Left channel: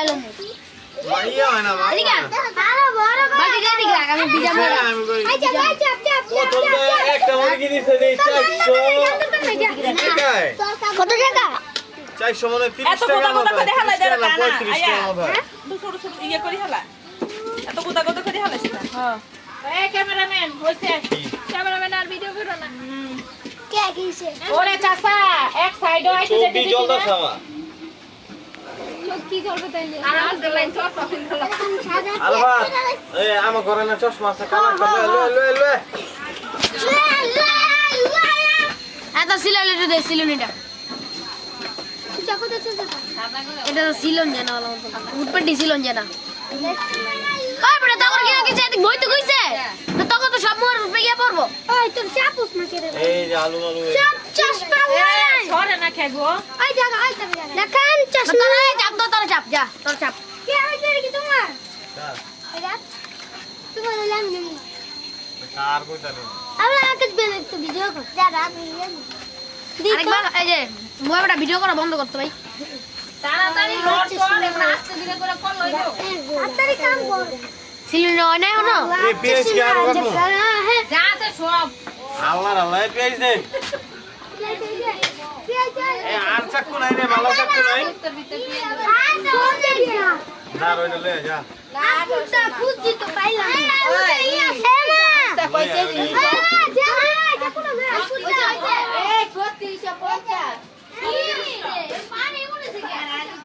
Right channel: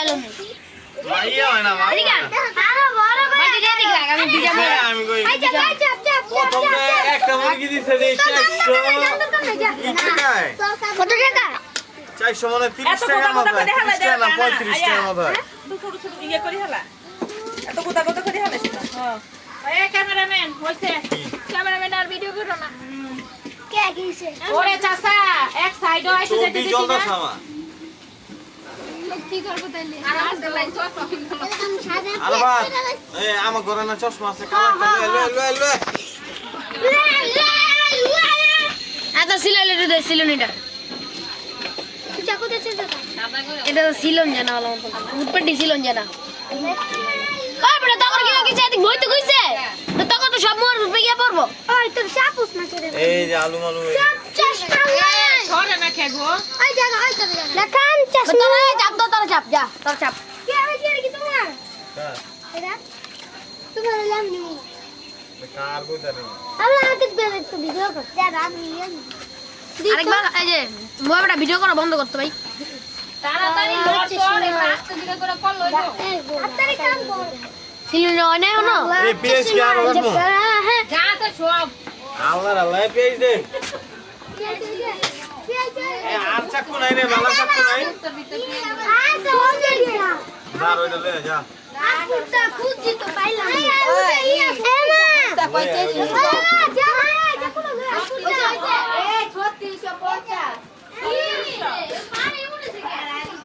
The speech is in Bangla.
লাইলো মাইয়া হয় না মামা ঠিক আছে আরে বড় করে বাকি যাই দেখ আমি বিজা মারা আমি কই আচ্ছা ভাই চাপ চাপ প্রথম যে একটা মুরগি দিছে যে 400 কত টাকা 400 মানে 30 টাকা মতো 35 টাকা মতো তো ছোট ছোট ইয়ে করে হেলা এত গোটা গোটা করে হেলা সেটা হ্যাঁ এই ক্যামেরাম্যান হইছে ক্যামেরাম্যান আর ভিডিও করো না কে দিছে ওরে চাচা এক সাইডে আইছে তো যেতে দি জল দাও সামা কি করব তাইলে আর আজকে লাইন তো তখন হলো সাদা আলবা এই আমার ঘরে না চশমা আছে কালা লয়ে এটা সিলালে দে সিলুনিটা চাকু দেছে এটা সিলন জানা হলো উঠপটি সিলন জানা ওই বড় তখন কি যেতে বই তো কইছে তো তখন তো সব মোর বেগে পড়বো ওই তোর চাপুস না কেরে এই যে আলু চাপ চশমা সরে না খেগো ওই জায়গা আই তোর লাকান চশমা চাপ তো তোর চাপ যা তোর চাপ কি হইছে কি তোমার হ্যাঁ এটা তোমার লাম নেই কার কই জানি আমরা আমাকে একটু ভিডিও কর যা আমি আরেকবার এই যে মোবাইলটা ভিডিও করা বন্ধ করতে ভাই তাড়াতাড়ি ঘর চল এবার আস্তে ধীরে করে কল লইবো তাড়াতাড়ি কাম কর সিলুন না হনো এই পেঁয়াজ কি আর কাটমু যাতে সব আল্লাহ পেঁয়াজ দে এই আর চাকু নাই রে মালা চাকু নাই না রইলে লে যা